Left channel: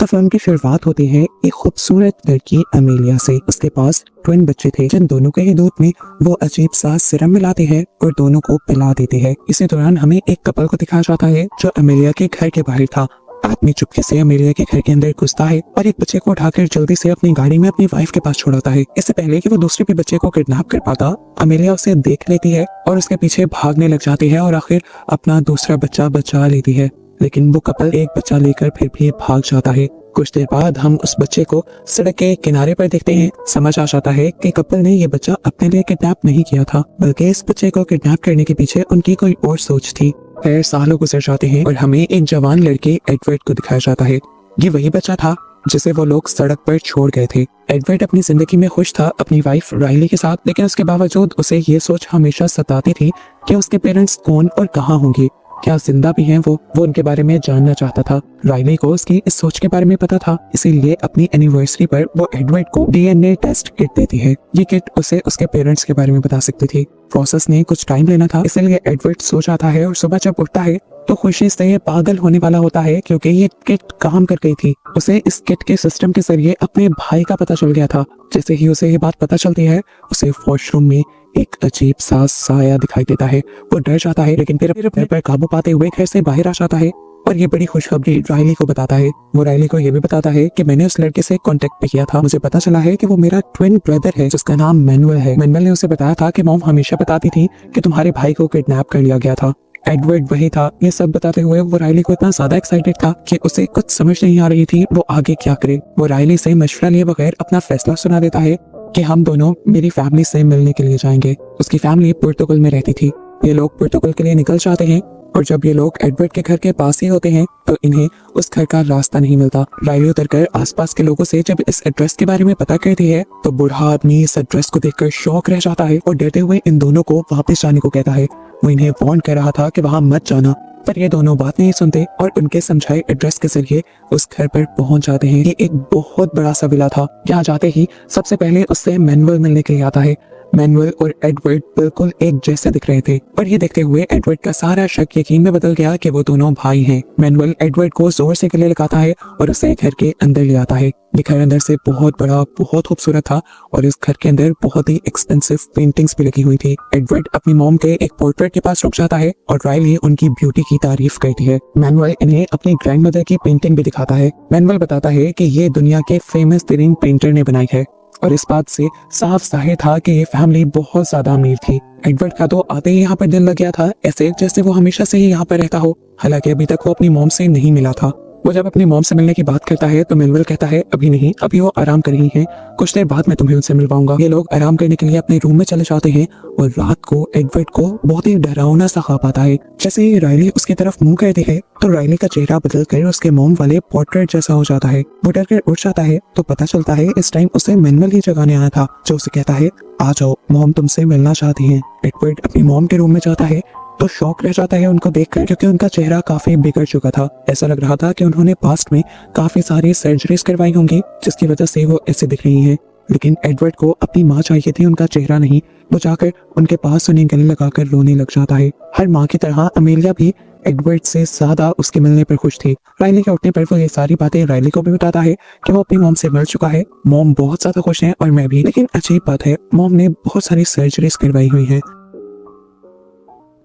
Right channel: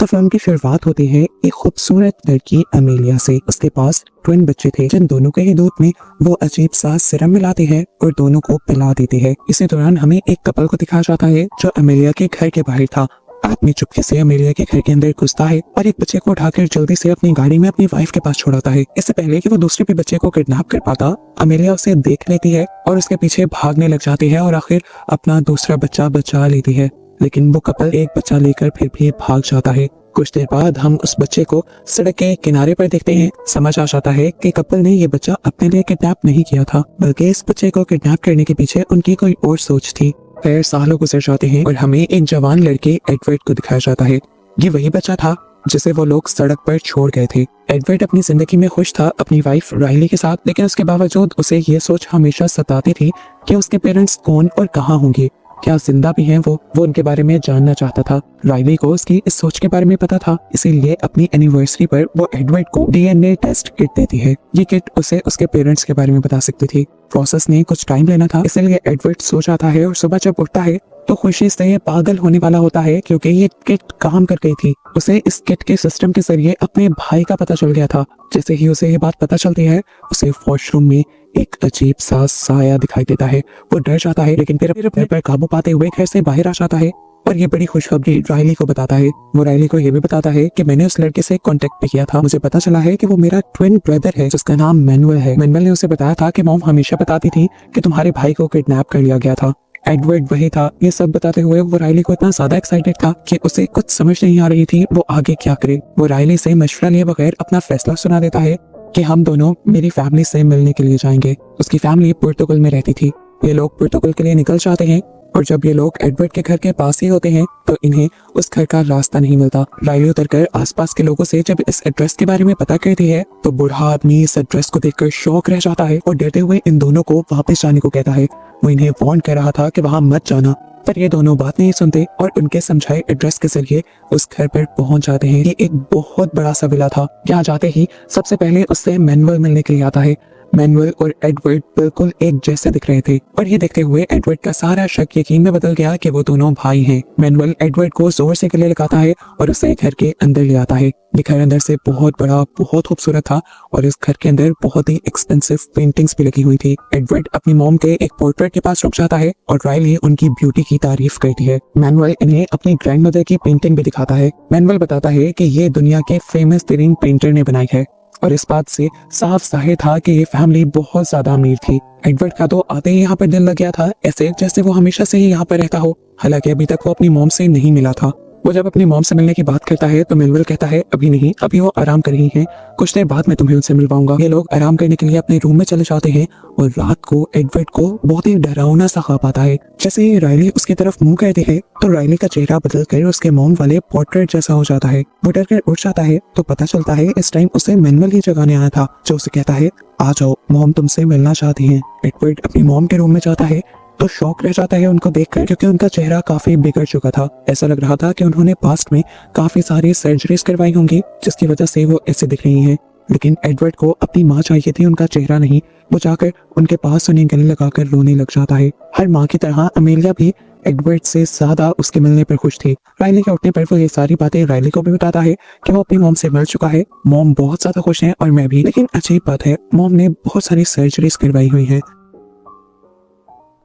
तो फिल्म की शुरुआत होती है एक खूबसूरत लड़की अमेलिया से। उसके पास ट्विन बच्चे थे जिन दोनों के ही दूध में वो अजीब सा सिरम मिलाती है और दोनों को पिला देती है। इसी दौरान हमें एक कपल को दिखाया जाता है जो अमेलिया के घर के बाहर था। आदमी चुपके से अमेलिया के घर के अंदर घुसता है और एक बच्चे को उठाकर जल्दी से अपनी गाड़ी में अपनी वाइफ के पास छोड़ाता है। इससे पहले कि वो दूसरे भी बच्चे को किडनैप कर पाता, अमेलिया उसे देख लेती है और उसके पीछे भागने लग जाती है और आखिर अपना दूसरा बच्चा बचा लेती है। लेकिन वो कपल एक बच्चा लेकर फिर भी भाग जाता है। कुछ देर बाद हम उस बच्चे को सड़क के किनारे पर देखते हैं। समझ आ जाता है कि कपल ने ये बच्चा अपने लिए किडनैप नहीं किया था, बल्कि इस बच्चे को किडनैप करने के पीछे उनकी कोई और सोच थी। फिर सालों गुजर जाते हैं और हमें एक जवान लड़की एडवर्ड को दिखाया जाता है। ये वही बच्चा था जिसे वो लोग सड़क पर छोड़ गए थे। एडवर्ड अपनी जिंदगी में खुश था अपनी वाइफ राइली के साथ, लेकिन उसके बावजूद उसे ये सोच हमेशा सताती थी कि उसके पेरेंट्स कौन और कहाँ होंगे, क्या जिंदा भी हैं वो उनके बारे में जानना चाहता था। राइली को उसकी इस सोच के बारे में पता था, इसीलिए अपनी एनिवर्सरी पर वो एडवर्ड को डीएनए टेस्ट किट देती है। ये किट उसे उसके पेरेंट्स के बारे में बता सकती थी। प्रोसेस में कुछ टाइम लेना था, इसीलिए एडवर्ड सो जाता है और सुबह जब उठता है तो खुशी से ये पागल होने वाला होता है, क्योंकि ये किट काम कर गई थी। उसे इस किट के सिस्टम के जरिए अपने भाई का पता चल गया था। जैसे ही उसे ये बात पता चलती है, उसे वॉशरूम में एक अजीब सा साया दिखाई देता है। वो डर जाता है, लेकिन फिर अपने पर काबू पाते हुए घर से बाहर आ जाता है और ये बड़ी खुशखबरी राइली को बताता है। वो राइली को ये भी बताता है कि मैंने उस लड़के से कांटेक्ट भी किया था। मुझे पता चला है कि वो मेरा ट्विन ब्रदर है जिसका नाम मैनुअल है। मैनुअल ने उसे बताया था कि मॉम हमेशा बताती थी कि तुम्हारे भाई को किडनैप कर लिया गया था। एडवर्ड वही था। ये सब बताते हुए वो राइली को इतना ज्यादा एक्साइटेड था कि उसे कुछ समझ नहीं आ रही थी वो आगे क्या करे। वो राइली से मशवरा लिए बगैर अपना फैसला सुना देता है कि हम दोनों मेरी फैमिली से मिलने के लिए जाएंगे। उसकी फैमिली पुर्तगाल में रहती थी। ये लोग पुर्तगाल के लिए निकल जाते हैं और जब ये लोग एडवर्ड के घर के पास ही होते हैं तो इन्हें उस घर का रास्ता नहीं मिलता। राइली उतरकर आसपास के लोगों से जब इस एड्रेस के बारे में पता करती है तो बूढ़ा आदमी इस एड्रेस को देखकर शॉक रह जाता है और डरते हुए इन दोनों को वापस जाने को कहता है। वो इन्हें वार्न कर रहा था कि वहां मत जाना, पर ये दोनों बात नहीं सुनते और उनके समझाए एड्रेस के जरिए उस घर पर पहुंच जाते हैं। ये एक बहुत बड़ा सा विला था। यहाँ जाते ही सबसे पहले उससे मैनुअल मिलने के लिए आता है। मैनुअल और एडवर्ड बिल्कुल एक जैसे दिख रहे थे और ये देखते हुए एडवर्ड का सारा शक यकीन में बदल गया कि वो दोनों भाई हैं। मैनुअल एडवर्ड को जोर से गले लगाता है और उसे घर के अंदर ले आता है। ये घर अंदर से बहुत बड़ा, बहुत खूबसूरत था और इस घर के अंदर बहुत ही एक्सपेंसिव पेंटिंग्स भी लगी हुई थी। एडवर्ड अपनी मॉम के एक पोर्ट्रेट के पास रुक जाता है और राइली उनकी ब्यूटी की तारीफ करती है। मैनुअल इन्हें अपनी ग्रैंडमदर की पेंटिंग भी दिखाता है। मैनुअल बताता है कि ये दुनिया के फेमस तरीन पेंटर ने बनाई है और इस बात से साफ जाहिर था कि ये फैमिली बहुत ज्यादा अमीर थी। एडवर्ड का तो आते ही यहाँ पर दिल लग गया था, ऐसे जैसे वो हमेशा से ही यहाँ पर रहता हो। हालांकि अभी तक वो अपनी मॉम से नहीं मिला था। वो जब अपनी मॉम से मिलने की बात करता है तो मैनुअल कहता है अभी नहीं, अभी वो आराम कर रही है, कुछ देर बाद मैं तुम्हें उनसे मिल पाऊंगा। ये लोग आराम करने के लिए अपने रूम में चले जाते हैं और रात को एडवर्ड को बहुत ही डरावना सा ख्वाब आता है। जैसे ही राइली उसकी तरफ मुंह करती है तो राइली का चेहरा बदल कर उसके मॉम वाले पोर्ट्रेट जैसा हो जाता है। वो डर कर उठ जाता है तो पता चलता है इस टाइम उसे मैनुअल ही जगाने आया था, जो उसे कहता है आ जाओ, मॉम तुमसे मिलना चाहती है। एडवर्ड अपनी मॉम के रूम में जाता है तो शौक रह जाता है उनको देखकर, क्योंकि उनका चेहरा काफी बिगड़ चुका था। ऐसा लग रहा था कि उन्होंने पास्ट में काफी सारी सर्जरीज करवाई होंगी जिसकी वजह से वो ऐसे दिख रही है। लेकिन एडवर्ड को अपनी माँ चाहिए थी, उनका चेहरा नहीं। वो जाकर उनके पास उन्हें गले लगाकर रोने लग जाता है। हर माँ की तरह अमेलिया भी एडवर्ड से ज्यादा उसके मिलने पर खुश थी। राइली के उठने पर वो ये सारी बातें राइली को भी बताता है कि वो अपनी मॉम से मिल चुका है। मॉम बहुत ज्यादा खुश है और मैं भी। लेकिन अजीब बात है, मॉम ने बहुत सारी सर्जरीज करवाई हुई है।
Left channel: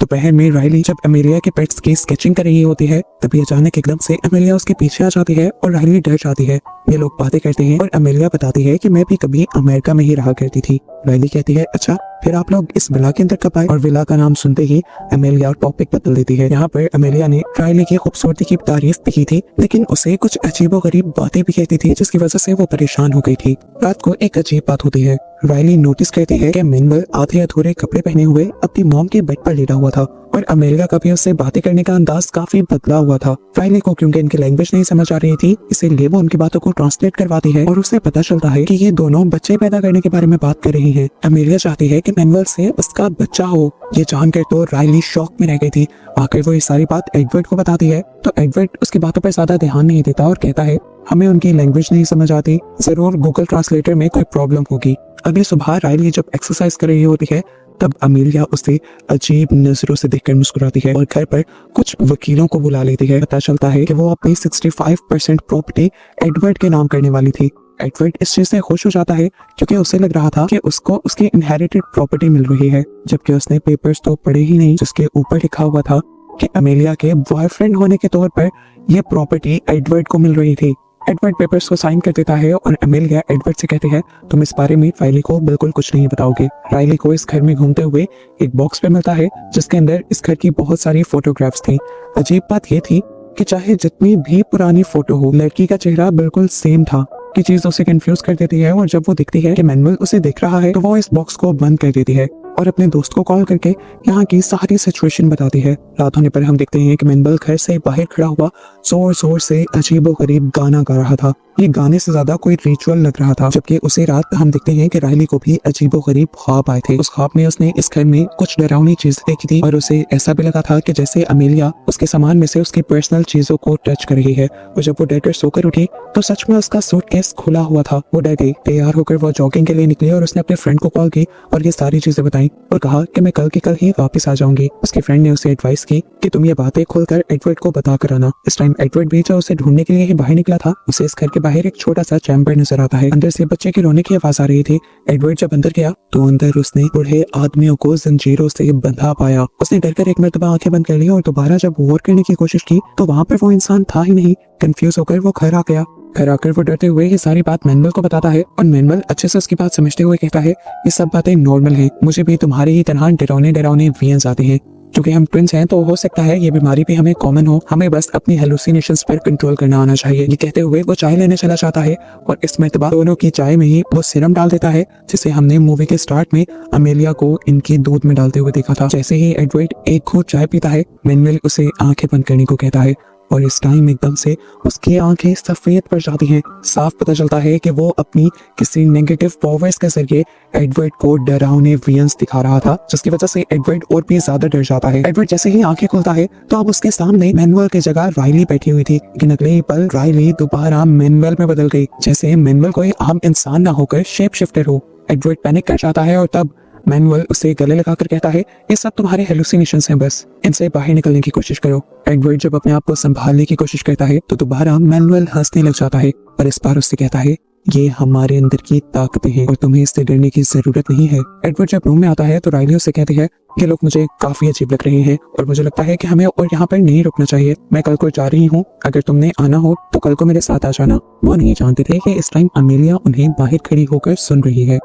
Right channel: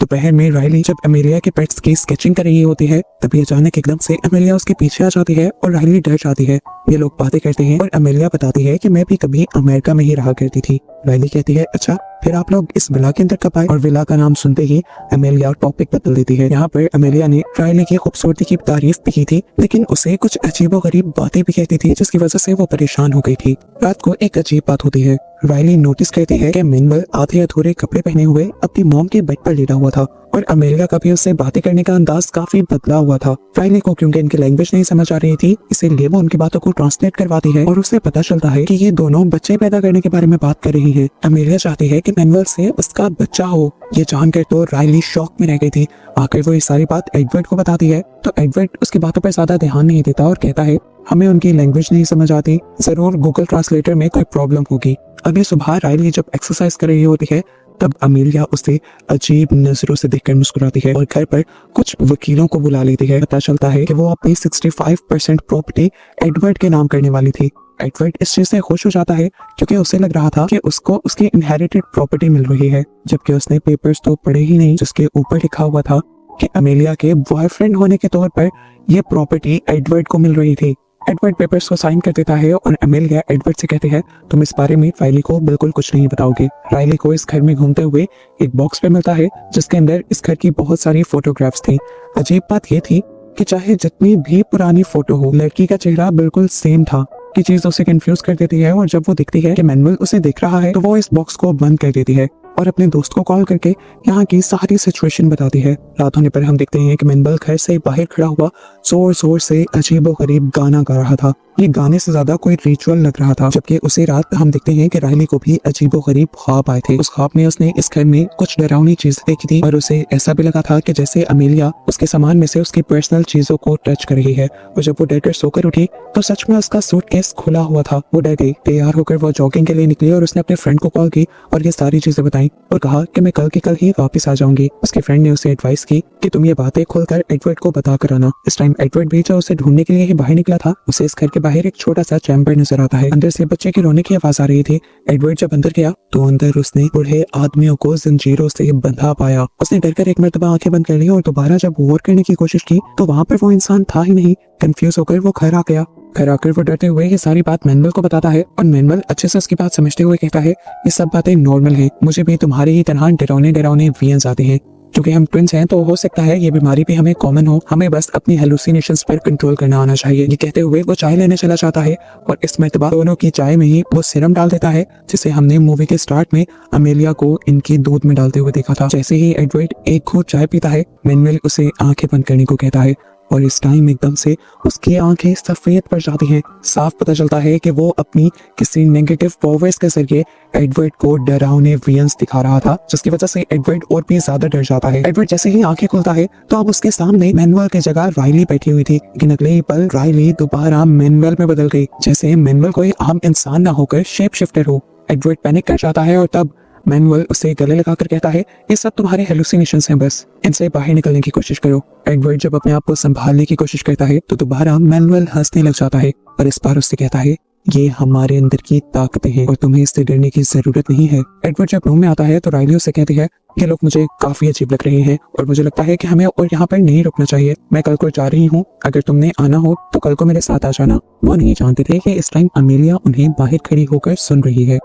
दोपहर में राइली जब अमेलिया के पेट्स की स्केचिंग कर रही होती है तभी अचानक एकदम से अमेलिया उसके पीछे आ जाती है और राइली डर जाती है। ये लोग बातें करते हैं और अमेलिया बताती है कि मैं भी कभी अमेरिका में ही रहा करती थी। राइली कहती है अच्छा, फिर आप लोग इस विला के अंदर कब आए? और विला का नाम सुनते ही अमेलिया टॉपिक बदल देती है। यहाँ पर अमेलिया ने राइली की खूबसूरती की तारीफ भी की थी, लेकिन उसे कुछ अजीबोगरीब बातें भी कहती थी जिसकी वजह से वो परेशान हो गई थी। रात को एक अजीब बात होती है। राइली नोटिस करती है कि मैनुअल आधे अधूरे कपड़े पहने हुए अपनी मॉम के बेड पर लेटा हुआ था और अमेरिका का भी उससे बातें करने का अंदाज काफी बदला हुआ था। राइली को क्योंकि इनकी लैंग्वेज नहीं समझ आ रही थी, इसीलिए वो उनकी बातों को ट्रांसलेट करवाती है और उसे पता चलता है कि ये दोनों बच्चे पैदा करने के बारे में बात कर रही है। अमेलिया चाहती है कि मैनुअल से उसका बच्चा हो। ये जानकर तो राइली शॉक में रह गई थी। आखिर वो ये सारी बात एडवर्ड को बताती है तो एडवर्ड उसकी बातों पर ज्यादा ध्यान नहीं देता और कहता है हमें उनकी लैंग्वेज नहीं समझ आती, जरूर गूगल ट्रांसलेटर में कोई प्रॉब्लम होगी। अगली सुबह राइली जब एक्सरसाइज कर रही होती है तब अमेलिया उसे अजीब नजरों से देखकर मुस्कुराती है और घर पर कुछ वकीलों को बुला लेती है। पता चलता है कि वो अपनी 65% प्रॉपर्टी एडवर्ड के नाम करने वाली थी। एडवर्ड इस चीज से खुश हो जाता है क्योंकि उसे लग रहा था कि उसको उसकी इनहेरिटेड प्रॉपर्टी मिल रही है, जबकि उसने पेपर्स तो पढ़े ही नहीं जिसके ऊपर लिखा हुआ था कि अमेलिया के बॉयफ्रेंड होने के तौर पर यह प्रॉपर्टी एडवर्ड को मिल रही थी। एडवर्ड पेपर्स को साइन कर देता है और अमेलिया एडवर्ड से कहती है, तुम इस बारे में राइली को बिल्कुल कुछ नहीं बताओगे। राइली को इस घर में घूमते हुए एक बॉक्स पे मिलता है जिसके अंदर इस घर की बहुत सारी फोटोग्राफ्स थी। अजीब बात यह थी कि चाहे जितनी भी पुरानी फोटो हो, लड़की का चेहरा बिल्कुल सेम था। की चीज उसे कंफ्यूज कर देती है और जब वो दिखती है कि मैनुअल उसे देख रहा है तो वो इस बॉक्स को बंद कर देती है और अपने दोस्त को कॉल करके यहाँ की सारी सिचुएशन बताती है। रात होने पर हम देखते हैं कि मैनुअल घर से बाहर खड़ा हुआ जोर जोर से अजीबोगरीब गाना गा रहा था। ये गाने से ज्यादा कोई रिचुअल लग रहा था। जबकि उसी रात हम देखते हैं कि राइली को भी अजीबोगरीब ख्वाब आए थे। उस ख्वाब में उसने इस घर में कुछ डरावनी चीज देखी थी और उसे ऐसा भी लगा था कि जैसे अमेलिया उसके सामान में से उसकी पर्सनल चीजों को टच कर रही है। और जब वो डर कर सोकर उठी तो सच में उसका सूटकेस खुला हुआ था। वो डर गई, तैयार होकर वो जॉगिंग के लिए निकली और उसने अपने फ्रेंड को कॉल की और ये सारी चीजें बताई और कहा कि मैं कल की कल ही वापस आ जाऊंगी। उसके फ्रेंड ने उसे एडवाइस की कि तुम ये बातें खोलकर एडवर्ड को बता कर आना। इस टाइम एडवर्ड भी जो उसे ढूंढने के लिए ही बाहर निकला था, उसे इस घर के बाहर एक छोटा सा चैम्बर नजर आता है। अंदर से बच्चे के रोने की आवाज आ रही थी। एडवर्ड जब अंदर गया तो अंदर उसने बूढ़े आदमियों को जंजीरों से बंधा पाया। उसने डरकर एक मरतबा आंखें बंद कर ली और दोबारा जब गौर करने की कोशिश की तो वहाँ पर वो इंसान था ही नहीं। कंफ्यूज होकर वो घर आ गया। घर आकर वो डरते हुए ये सारी बात मैनुअल को बताता है और मैनुअल अच्छे से उसकी बात समझते हुए कहता है, ये सब बातें नॉर्मल है, मुझे भी तुम्हारे ही तरह डरावने डरावने विजन्स आते हैं। क्योंकि हम ट्विंस हैं तो हो सकता है ये बीमारी भी हमें कॉमन हो, हमें बस अपनी हेलुसिनेशंस पर कंट्रोल करना आना चाहिए। ये कहते हुए वो चाय लेने चला जाता है और इस मरतबा दोनों की चाय में ही वो सीरम डाल देता है जिसे हमने मूवी के स्टार्ट में अमेलिया को इनके दूध में डालते हुए देखा था। जैसे ही एडवर्ड एक घूंट चाय पीता है, मैनुअल उसे आंखें बंद करने को कहता है और इस टाइम एकदम से उसकी आंखें सफेद पड़ जाती हैं। साफ पता चलता है कि वो अपनी किसी नेगेटिव पावर्स के जरिए एडवर्ड को डरावने विजन्स दिखा रहा था, जिसकी वजह से एडवर्ड और भी ज्यादा डर जाता है। एडवर्ड जैसे ही आंखें खुलता है तो अब उसके सामने मैनुअल की जगह राइली बैठी हुई थी, लेकिन अगले ही पल राइली दोबारा मैनुअल में बदल गई, जैसे मैनुअल कोई आम इंसान ना होकर शेप शिफ्टर हो। एडवर्ड पैनिक कर जाता है और तब मैनुअल उसे गले लगाकर कहता है, ये सब तुम्हारे हेलुसिनेशंस हैं, बस इनसे बाहर निकलने की कोशिश करो। एडवर्ड जब अपने आप को संभालने की कोशिश करता है तो दोबारा मैनुअल हंसने लग जाता है और इस बार उससे कहता है, ये हमारे अंदर की ताकतें हैं और तुम्हें इससे डरने की जरूरत नहीं है। एडवर्ड जब रूम में आता है तो राइली उससे कहती है, ये लोग मुझे काफी अजीब लग रहे हैं और मुझे लगता है कि हमें और यहाँ पर नहीं रुकना चाहिए। मैं कल को जा रही हूँ, अगर तुमने आना हो तो कल को मेरे साथ आ जाना। वो नहीं जानते थे कि इस टाइम अमेलिया उन्हें बाहर खड़ी होकर सुन रही है।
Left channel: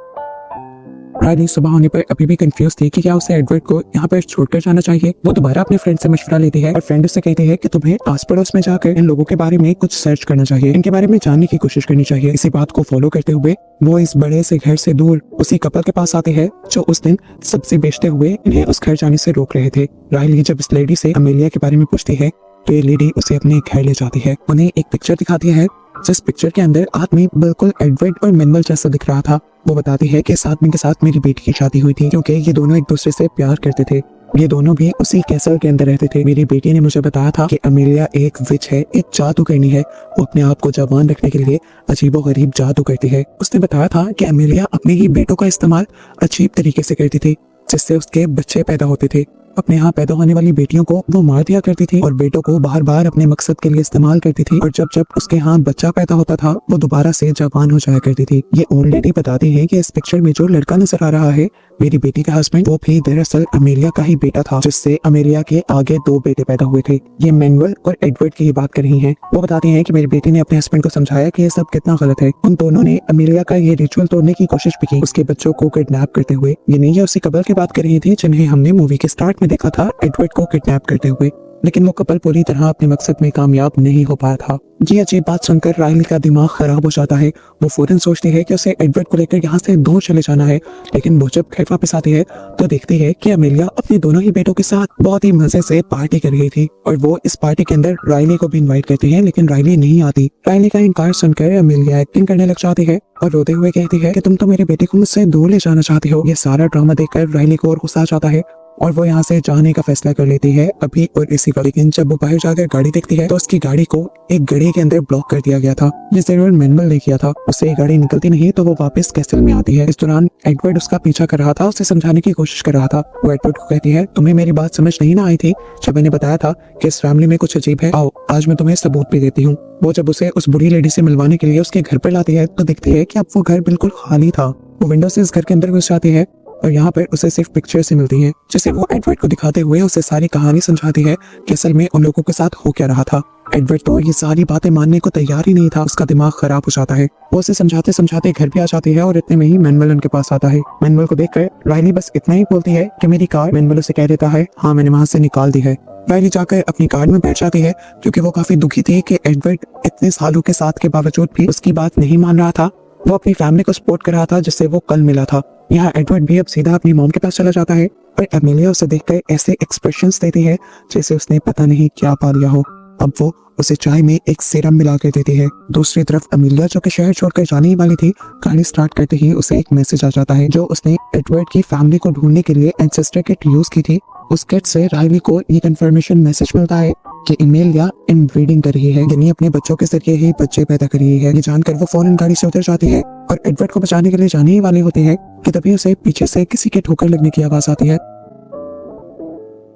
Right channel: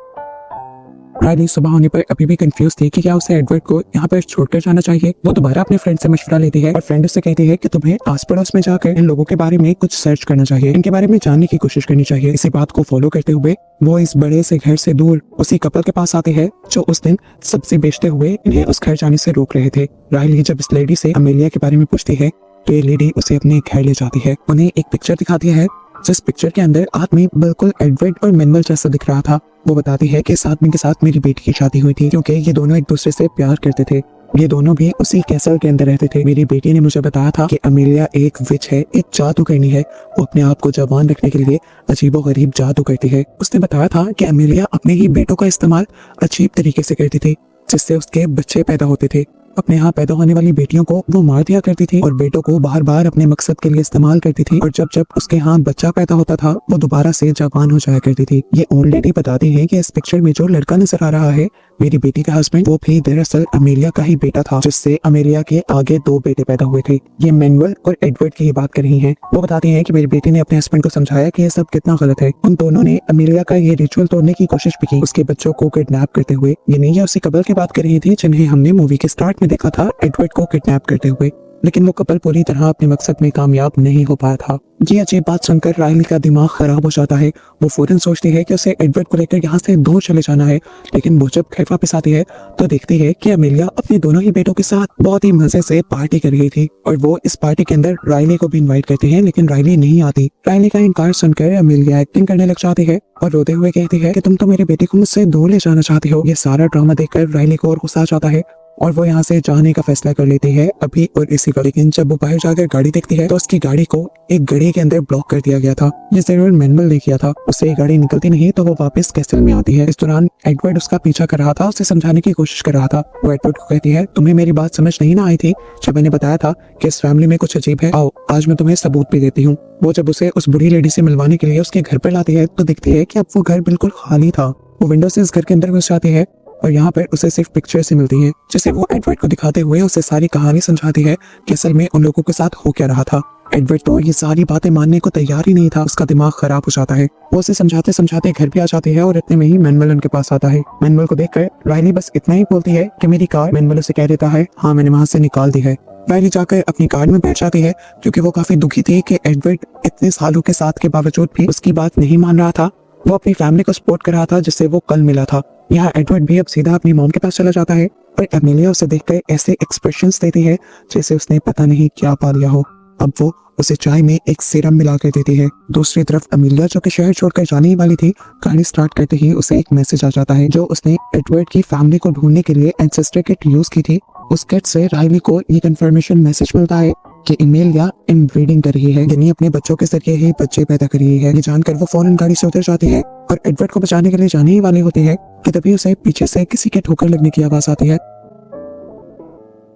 राइली सुबह होने पर अभी भी कंफ्यूज थी कि क्या उसे एडवर्ड को यहाँ पर छोड़कर जाना चाहिए। वो दोबारा अपने फ्रेंड से मशवरा लेती है और फ्रेंड उससे कहती है कि तुम्हें आस पड़ोस में जाकर इन लोगों के बारे में कुछ सर्च करना चाहिए, इनके बारे में जानने की कोशिश करनी चाहिए। इसी बात को फॉलो करते हुए वो इस बड़े से घर से दूर उसी कपल के पास आते हैं जो उस दिन सब्जी बेचते हुए इन्हें उस घर जाने से रोक रहे थे। राइली जब इस लेडी से अमेलिया के बारे में पूछती है तो ये लेडी उसे अपने घर ले जाती है। उन्हें एक पिक्चर दिखाती है जिस पिक्चर के अंदर आदमी बिल्कुल एडवर्ड और मैनुअल जैसा दिख रहा था। वो बताती है कि इस आदमी के साथ मेरी बेटी की शादी हुई थी क्योंकि ये दोनों एक दूसरे से प्यार करते थे। ये दोनों भी उसी कैसल के अंदर रहते थे। मेरी बेटी ने मुझे बताया था कि अमेलिया एक विच है, एक जादूगरनी है। वो अपने आप को जवान रखने के लिए अजीबोगरीब जादू करती है। उसने बताया था कि अमेलिया अपने ही बेटों का इस्तेमाल अजीब तरीके से करती थी जिससे उसके बच्चे पैदा होते थे। अपने यहाँ पैदा होने वाली बेटियों को वो मार दिया करती थी और बेटों को बार बार अपने मकसद के लिए इस्तेमाल करती थी और जब जब उसके यहाँ बच्चा पैदा होता था वो दोबारा से जवान हो जाया करती थी। ये ऑलरेडी बताते हैं कि इस पिक्चर में जो लड़का नजर आ रहा है मेरी बेटी का हस्बैंड, वो भी दरअसल अमेलिया का ही बेटा था जिससे अमेलिया के आगे 2 बेटे पैदा हुए थे। ये मैनुअल और एडवर्ड की ही बात कर रही है। वो बताती है कि मेरी बेटी ने अपने हस्बैंड को समझाया कि ये सब कितना गलत है। उन दोनों ने अमेलिया का ये रिचुअल तोड़ने की कोशिश भी की, उसके बच्चों को किडनैप करते हुए। ये नहीं है उसी कपल की बात कर रही थी जिन्हें हमने मूवी के स्टार्ट में देखा था एडवर्ड को किडनैप करते हुए, लेकिन वो कपल पूरी तरह अपने मकसद में कामयाब नहीं हो पाया था। ये अजीब बात सुनकर राइली का दिमाग खराब हो जाता है। वो फौरन सोचती है कि उसे एडवर्ड को लेकर यहाँ से दूर चले जाना है, लेकिन वो जब घर वापस आती है तो देखती है कि अमेलिया अपने दोनों ही बेटों के साथ बहुत ही मजे से पार्टी कर रही थी और वो इस पार्टी के अंदर राइली को भी इनवाइट करती है, लेकिन राइली नहीं आती। राइली का इनकार सुनकर अमेलिया एक्टिंग करने लग जाती है और रोते हुए कहती है कि तुम तो मेरे बेटे को मुझसे दूर ले जाना चाहती हो। ये सारा ड्रामा देखकर राइली को और गुस्सा आ जाता है और वो यहाँ से जाने का फैसला कर लेती है अभी और इसी का। लेकिन जब वो बाहर जाकर गाड़ी देखती है तो उसकी गाड़ी को एक घड़ी के अंदर ब्लॉक कर दिया गया था। ये जरूर मैनुअल ने किया था। उससे गाड़ी निकलती नहीं तो वो वापस कैसल में आती है। इस दौरान एडवर्ड उसका पीछा कर रहा था, उसे समझाने की कोशिश कर रहा था। वो एडवर्ड को कहती है, तुम्हें मेरी बात समझ नहीं ना आई थी जब मैंने बताया था कि इस फैमिली में कुछ अजीब है। आओ आज मैं तुम्हें सबूत भी देती हूँ। वो जब उसे उस बुरी लेडी से मिलवाने के लिए उसके घर पर लाती है तो देखती है कि अब वो घर बिल्कुल खाली था। वो विंडो से इस घर के अंदर घुस जाती है और यहाँ पर उसे सिर्फ पिक्चर से मिलती है, जिसे वो एडवर्ड को दिखाते हुए उसे सारी कहानी समझाती है कि असल में उन लोगों के साथ हो क्या रहा था। एडवर्ड तो ये सारी बातें मानने को तैयार ही नहीं था। उसका दिमाग खराब हो जाता है। वो उसे समझाते समझाते घर भी आ जाती है और इतने में ही मैनुअल उनके पास आता है। मैनुअल को देखकर राइली बस इतना ही बोलती है कि मेरी कार। मैनुअल उसे कह देता है, हाँ मैंने वहां से निकाल दी है। राइली जाकर अपनी कार में बैठ जाती है क्योंकि वो काफी दुखी थी कि एडवर्ड इतने सालों के साथ के बावजूद भी उसकी बात नहीं मान रहा था। वो अपनी फैमिली को सपोर्ट कर रहा था जिससे वो कल मिला था। यहाँ एडवर्ड भी अब सीधा अपनी मॉम के पास चला जाता है पर एमिलिया उसे देखकर ऐसे एक्सप्रेशंस देती है जैसे उसने पता नहीं क्या पा लिया हो। अब वो उसे चाय में एक सीरम मिला कर देती है। दूसरी तरफ एमिलिया जो कि शहर छोड़कर जाने ही वाली थी, गाड़ी स्टार्ट करते ही उसे एक मैसेज आ जाता है जो उसने एडवर्ड की फैमिली को ढूंढने के लिए एंसेस्ट्री किट यूज की थी। उस किट से राइली को ये कंफर्मेशन मैसेज मिलता है कि एमिलिया इनब्रीडिंग कर रही है, यानी अपने बच्चों के जरिए ही बच्चे पैदा कर रही है। ये जानकर वो फौरन गाड़ी से उतर जाती है और एडवर्ड को बचाने के लिए जाने ही वाली होती है कि तभी उसे पीछे से किसी की ठोकर लगने की आवाज आती है।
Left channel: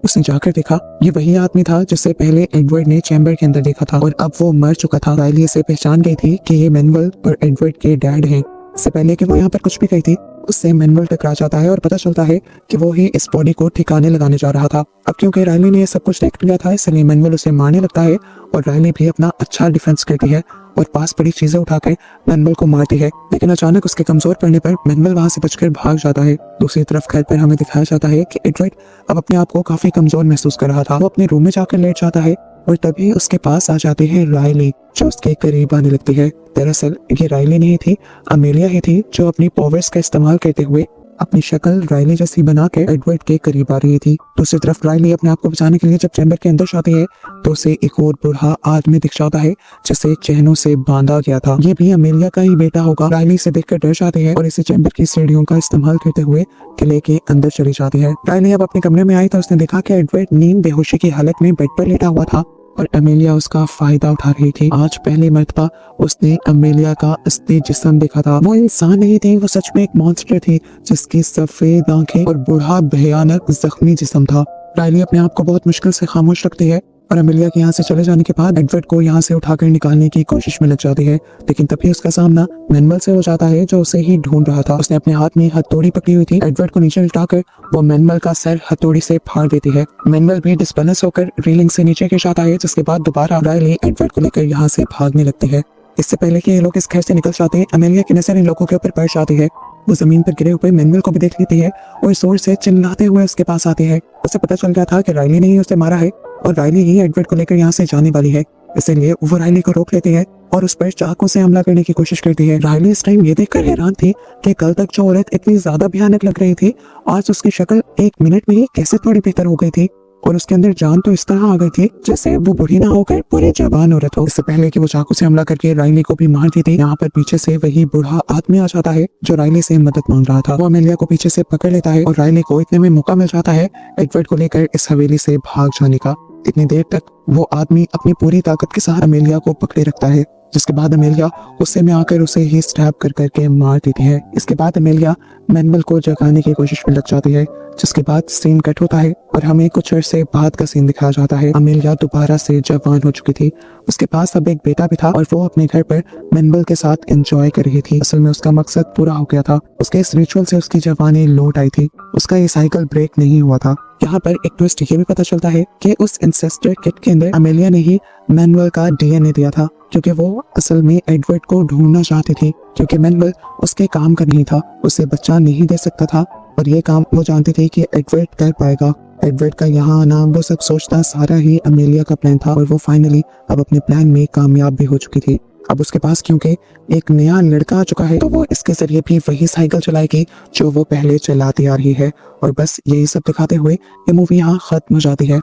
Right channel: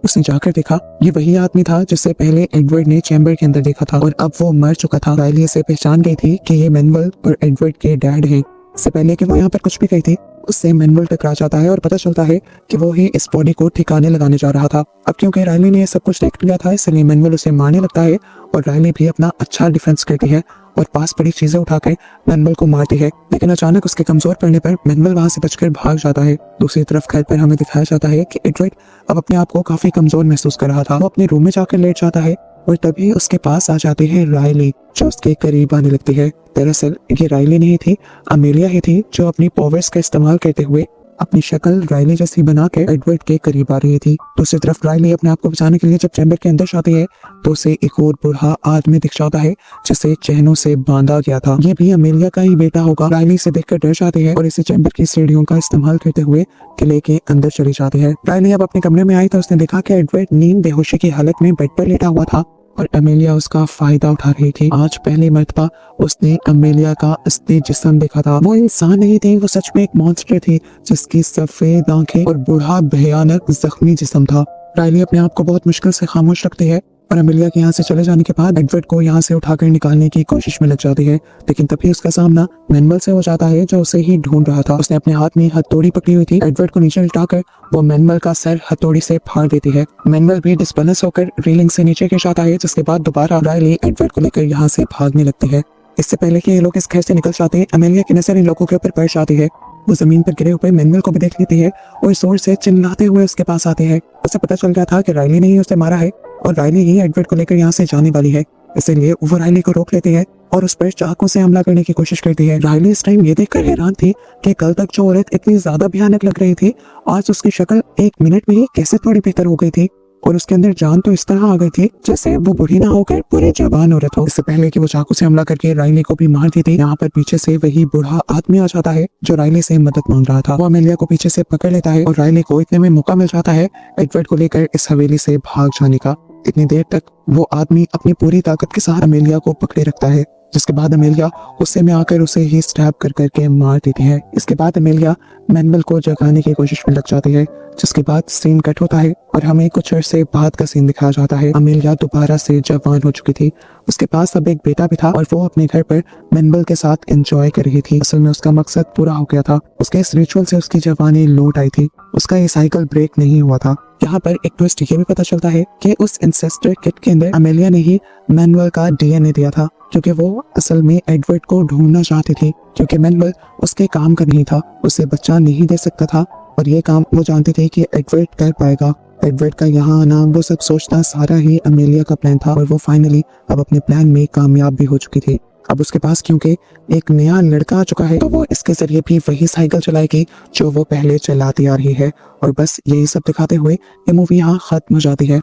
उसने जाकर देखा ये वही आदमी था जिससे पहले एडवर्ड ने चैम्बर के अंदर देखा था और अब वो मर चुका था। राइली से पहचान गई थी कि ये मैनुअल और एडवर्ड के डैड है। इससे पहले कि वो यहाँ पर कुछ भी कहती उससे मैनुअल टकरा जाता है और पता चलता है कि वो ही इस बॉडी को ठिकाने लगाने जा रहा था। अब क्योंकि राइली ने ये सब कुछ देख लिया था इसलिए मैनुअल उसे मारने लगता है और राइली भी अपना अच्छा डिफेंस करती है और पास पड़ी चीजें उठाकर मैनुअल को मारती है। लेकिन अचानक उसके कमजोर पड़ने पर मैनुअल वहां से बचकर भाग जाता है। दूसरी तरफ घर पर हमें दिखाया जाता है कि एडवर्ड अब अपने आप को काफी कमजोर महसूस कर रहा था। वो अपने रूम में जाकर लेट जाता है और तभी उसके पास आ जाती है राइली जो उसके करीब आने लगती है। दरअसल ये राइली नहीं थी, अमेलिया ही थी जो अपनी पावर्स का इस्तेमाल करते हुए अपनी शक्ल राइली जैसी बना के एडवर्ड के करीब आ रही थी। दूसरी तरफ राइली अपने आप को बचाने के लिए जब चैम्बर के अंदर जाती है तो उसे एक और बूढ़ा आदमी दिख जाता है जिसे चैनों से बांधा गया था। ये भी अमेलिया का ही बेटा होगा। राइली से देखकर डर जाती है और इसे चैम्बर की सीढ़ियों का इस्तेमाल करते हुए किले के अंदर चली जाती है। राइली अब अपने कमरे में आई तो उसने देखा कि एडवर्ड नींद बेहोशी की हालत में बेड पर लेटा हुआ था और अमेलिया उसका फायदा उठा रही थी। आज पहली मर्तबा उसने अमेलिया का असली जिस्म देखा था। वो इंसान नहीं थी, वो सच में एक मॉन्स्टर थी जिसकी सफेद आंखें और बूढ़ा भयानक जख्मी जिस्म था। राइली अपने आप को बहुत मुश्किल से खामोश रखती है और अमेलिया के यहाँ से चले जाने के बाद एडवर्ड को यहाँ से उठाकर निकालने की कोशिश में लग जाती है। लेकिन तभी उसका सामना मैनुअल से हो जाता है जो उसे ही ढूंढ रहा था। उसने अपने हाथ में हथौड़ी पकड़ी हुई थी। एडवर्ड को नीचे लिटाकर वो मैनुअल का सर हथौड़ी से फाड़ देती है। मैनुअल भी डिस्बैलेंस होकर रेलिंग से नीचे गिर जाता है जिसके बाद दोबारा राइली एडवर्ड को लेकर यहाँ से भागने लगती है। इससे पहले कि ये लोग इस घर से निकल जाते हैं अमेलिया की नजर इन लोगों के ऊपर पड़ जाती है। वो जमीन पर गिरे हुए मैनुअल को भी देख लेती है और जोर से चिल्लाते हुए उसके पास आते हैं। उसे पता चल गया था कि राइली ने ही उसे मारा है और राइली ही एडवर्ड को लेकर यहाँ से जाने वाली है। इसलिए वो राइली को रोक लेती है और उस पर चाकू से हमला करने की कोशिश करती है। राइली इस टाइम ये देखकर हैरान थी कि कल तक जो औरत इतनी ज्यादा भयानक लग रही थी आज उसकी शक्ल एक मिनट में ही कैसे थोड़ी बेहतर हो गई थी और उसके अंदर जान तो इस तरह आ गई थी जैसे वो बुरी ना होकर पूरी जवान औरत हो। इससे पहले कि वो चाकू से हमला करके राइली को भी मार देती, यहाँ पर पीछे से वही बूढ़ा आदमी आ जाता है जो राइली से मदद मांग रहा था। वो अमेलिया को पीछे से पकड़ लेता है और राइली को इतने में मौका मिल जाता है एडवर्ड को लेकर इस हवेली से भाग जाने का। इतनी देर तक वो आदमी अपनी पूरी ताकत के साथ अमेलिया को पकड़े रखता है जिसके बाद अमेलिया गुस्से में आकर उसे ही स्टैब कर करके मार देती है। इसके बाद अमेलिया मैनुअल को जगाने की कोशिश में लग जाती है जिसके बाद सीन कट होता है और हमें कुछ अर्से बाद का सीन दिखाया जाता है। अमेलिया दोबारा से जवान हो चुकी थी, उसके पास अब एक बेटा भी था और वो अपने घर पर मैनुअल के साथ एंजॉय कर रही थी। असल में उसका मकसद पूरा हो गया था। उसके इस रिचुअल से उसकी जवानी लौट आई थी, उसका ये साइकिल ब्रेक नहीं हुआ था। यहाँ पर एक ट्विस्ट ये भी पता चलता है कि उस इंसेस्टर किट के अंदर अमेलिया ने ही मैनुअल का डीएनए दिया था क्योंकि वो असल में एडवर्ड को ढूंढना चाहती थी क्योंकि मैनुअल उसके काम का नहीं था, उसे बच्चा नहीं दे सकता था और ये काम वो जानते थे कि एडवर्ड कर पाएगा। एडवर्ड का यहाँ आना वो सब सोचना सारा ही अमेलिया का प्लान था और वो फाइनली अब अपने प्लान में कामयाब भी हो चुकी थी। अब उसके पास क्योंकि एक नया लड़का आ चुका है तो वो इसके जरिए भी वही साइकिल चलाएगी जो वो पहले चलाती आ रही है और बस यही सब दिखाते हुए ये मूवी यहाँ खत्म हो जाती है।